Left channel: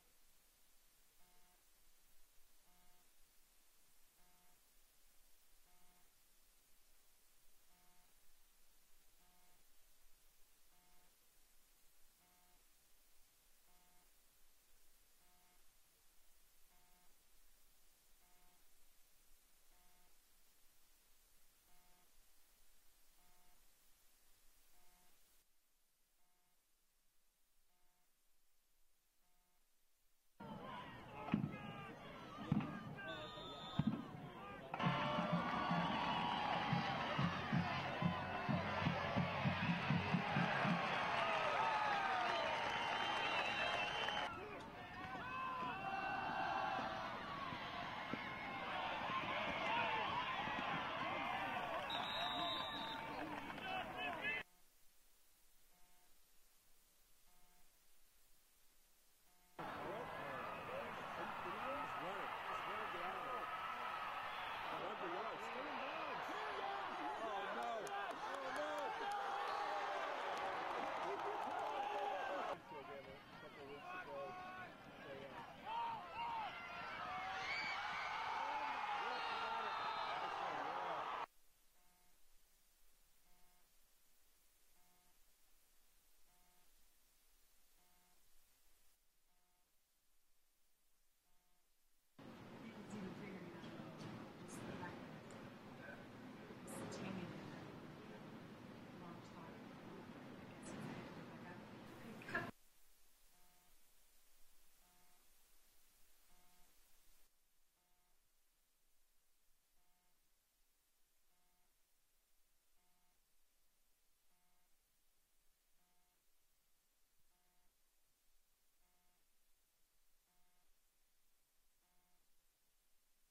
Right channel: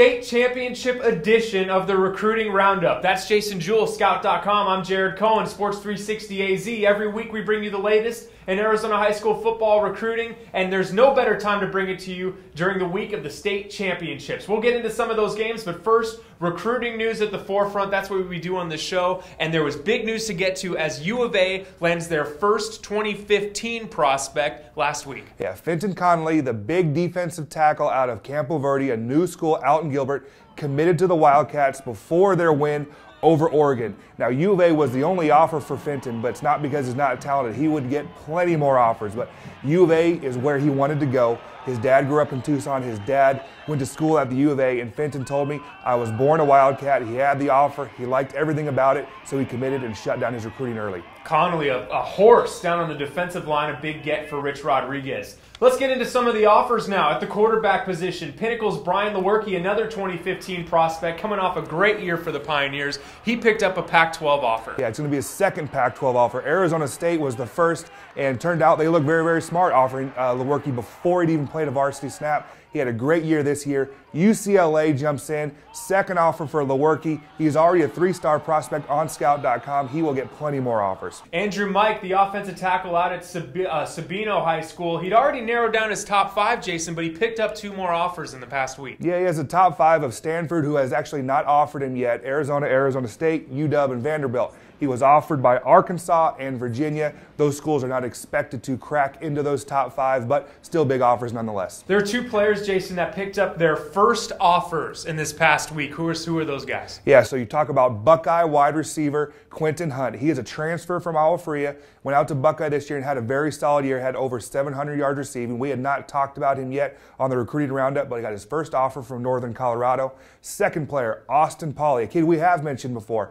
state championship edition of the Recruiting Roundup. That's Jason Jewell, Scout.com. I'm Jared Cohen, Sports 360 AZ. Every week we bring you the latest in Arizona high school football recruiting, and there's no better time to bring it to you during the week of the state championships. We'll get into some of those games, but first, recruiting news at the forefront. That's what we do on this show, and there was big news to get to as U of A lands their first 2015 prospect last week. Yeah, Fenton Conley, the big defensive tackle out of Campo Verde, a new school out in Gilbert, committed to the Wildcats before their win over Oregon. Now, U of A was the only offer for Fenton, but it's not because he's not talented. He would get plenty more offers, but U of A is where he wanted to go. His dad grew up in Tucson. His dad went to school at the U of A, and Fenton told me, I was born a Wildcat. He had the offer. He liked everything about it, so he committed and shut down his recruiting early. Conley, a horse down on the defensive line, a big get for Rich Rodriguez. Let's get into some of the offers now. At the quarterback position, Pinnacle's Brian Lewerke, another 2015 prospect, coming off a great year for the Pioneers. He picked up a Pac-12 offer. Yeah, it's going to be his second Pac-12 offer. Arizona State was the first, and turned out they looked very, very smart offering Lewerke before he'd even played a varsity snap. He had a great year this year. UCLA jumps in, second offer for Lewerke. He's already a three-star prospect on Scout.com. He will get plenty more offers. Andrew Mike, the offensive tackle out at Sabino High School. He'd already narrowed down his top five, Jason, but he picked up two more offers in the past week. Yeah, he has a top five of Stanford, who has actually not offered him yet, Arizona, Arizona State, UW, and Vanderbilt. He was offered by Arkansas and Virginia. Those schools are not expected to crack into those top five, but still big offers nonetheless. There are two players, Jason, that picked up their first offers in this past week. Who are those guys? Yeah, so you talk about Buckeye wide receiver Quentin Hunt. He is a transfer from Agua Fria, went out to Buckeye this year and had a very solid year, had over 700 yards receiving. We had not talked about him yet on the recruiting roundup, but he got his first offer from Northern Colorado. Second player, Austin Pauly, a kid we have mentioned before.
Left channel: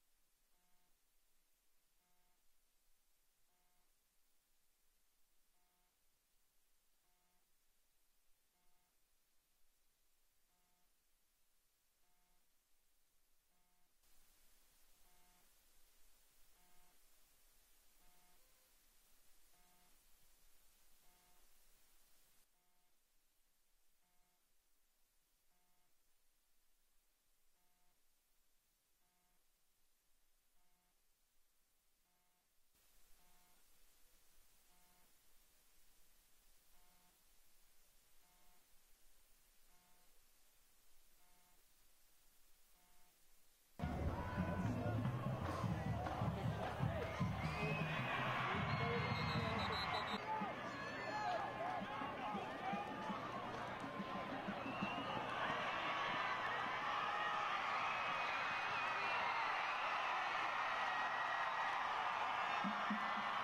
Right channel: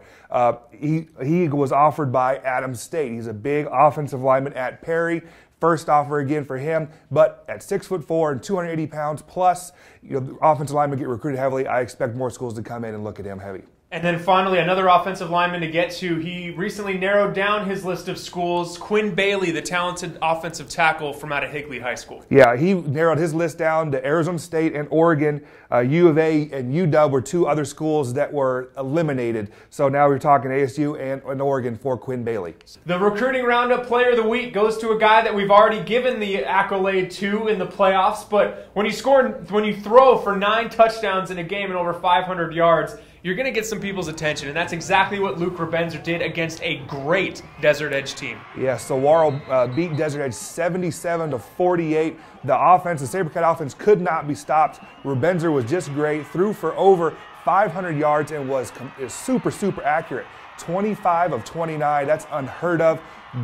He was offered by Adams State. He's a big offensive lineman at Perry. First offer again for him, but at 6'4" and 280 pounds plus, the offensive linemen get recruited heavily. I expect more schools to come in and look at him heavy. And then finally, another offensive lineman to get to. He recently narrowed down his list of schools. Quinn Bailey, the talented offensive tackle from out of Higley High School. Yeah, he narrowed his list down to Arizona State and Oregon. U of A and UW were two other schools that were eliminated. So now we're talking ASU and Oregon for Quinn Bailey. The Recruiting Roundup Player of the Week goes to a guy that we've already given the accolade to in the playoffs. But when you throw for 9 touchdowns in a game and over 500 yards, you're going to get some people's attention, and that's exactly what Luke Rebenzer did against a great Desert Edge team. Yeah, Saguaro beat Desert Edge 77-48. The offense, the Sabercat offense, could not be stopped. Rebenzer was just great, threw for over 500 yards and was super, super accurate. 25 of 29, that's unheard of.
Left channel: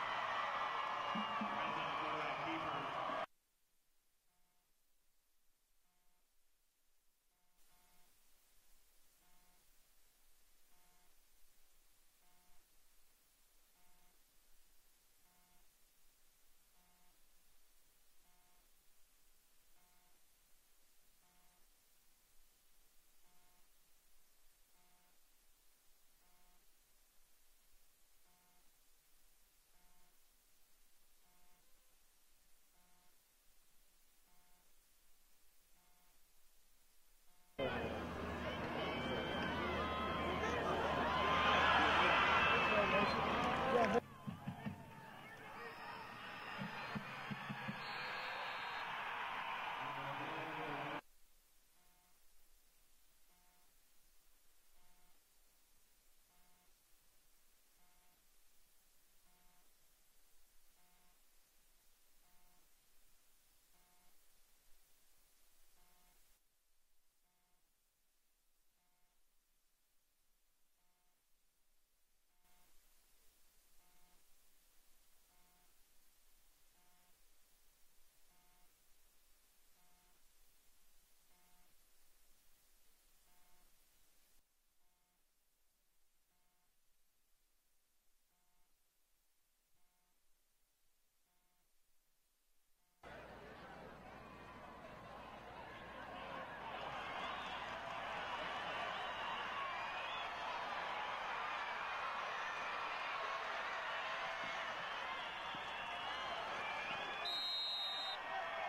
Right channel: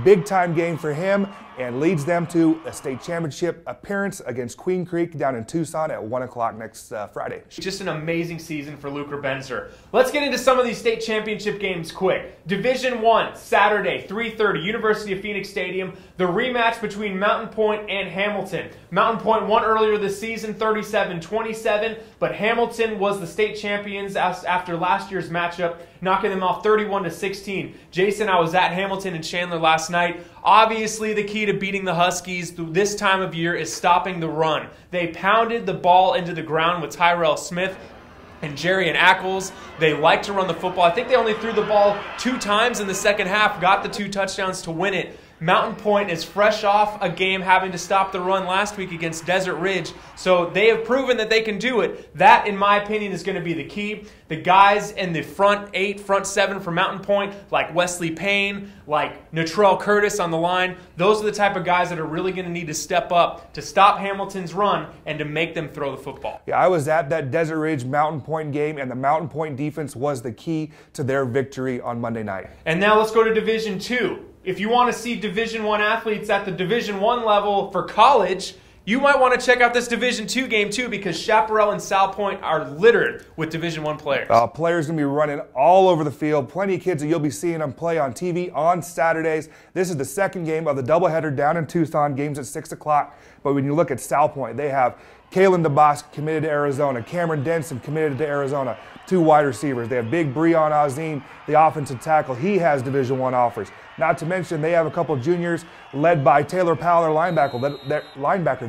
Big time game for him, and leads them to a state championship appearance against Queen Creek down in Tucson at 1 o'clock next Friday. Just an amazing season for Luke Rebenzer. Let's get into some of these state championship games quick. Division I, Saturday, 3:30, University of Phoenix Stadium. The rematch between Mountain Point and Hamilton. Mountain Point won earlier this season, 37-27, but Hamilton was the state champions after last year's matchup, knocking them off 31-16. Jason, I was at Hamilton and Chandler last night. Obviously, the key to beating the Huskies this time of year is stopping the run. They pounded the ball into the ground with Tyrell Smith and Jerry and Ackles. They like to run the football. I think they only threw the ball 2 times in the second half, got the 2 touchdowns to win it. Mountain Point is fresh off a game having to stop the run last week against Desert Ridge, so they have proven that they can do it. That, in my opinion, is going to be the key. The guys in the front 8, front 7 for Mountain Point, like Wesley Payne, like Natrell Curtis on the line, those are the type of guys that are really going to need to step up to stop Hamilton's run and to make them throw the football. Yeah, I was at that Desert Ridge Mountain Point game, and the Mountain Point defense was the key to their victory on Monday night. And now let's go to Division II. If you want to see Division I athletes at the Division I level for college, you might want to check out this Division II game too, because Chaparral and South Point are littered with Division I players. Players going to be running all over the field. Plenty of kids that you'll be seeing them play on TV on Saturdays. This is the second game of the doubleheader down in Tucson, games at 6 o'clock. But when you look at South Point, they have Kalen DeBosk committed to Arizona. Cameron Denson committed to Arizona. 2 wide receivers. They have big Breon Azim, the offensive tackle. He has Division I offers. Not to mention they have a couple juniors led by Taylor Powell, their linebacker.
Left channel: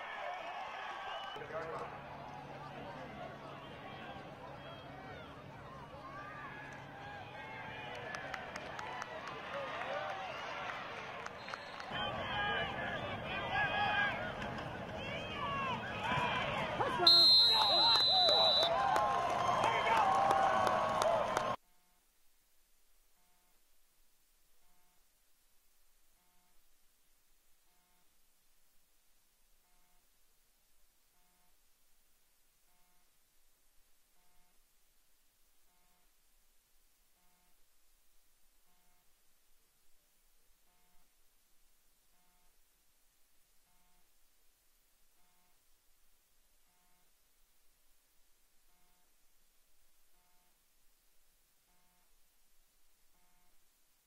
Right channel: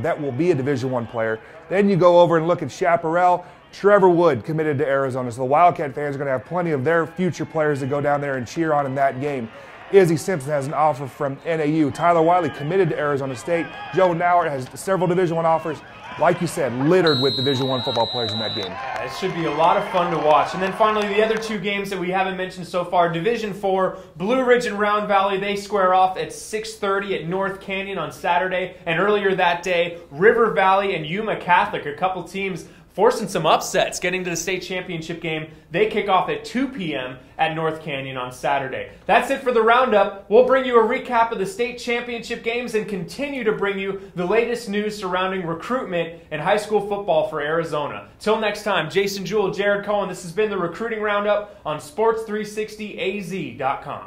That will be a Division I player. Then you go over and look at Chaparral. Trevor Wood committed to Arizona. So the Wildcat fans are going to have plenty of their future players to go down there and cheer on in that game. Izzy Simpson has an offer from NAU. Tyler Wiley committed to Arizona State. Joe Nauert has several Division I offers. Like you said, littered with Division I football players in that game. It should be a lot of fun to watch. And then finally, the other 2 games that we haven't mentioned so far. Division IV, Blue Ridge and Round Valley, they square off at 6:30 at North Canyon on Saturday. And earlier that day, River Valley and Yuma Catholic, a couple teams forcing some upsets, getting to the state championship game. They kick off at 2 p.m. at North Canyon on Saturday. That's it for the Roundup. We'll bring you a recap of the state championship games and continue to bring you the latest news surrounding recruitment in high school football for Arizona. Till next time, Jason Jewell, Jared Cohen, this has been the Recruiting Roundup on Sports360AZ.com.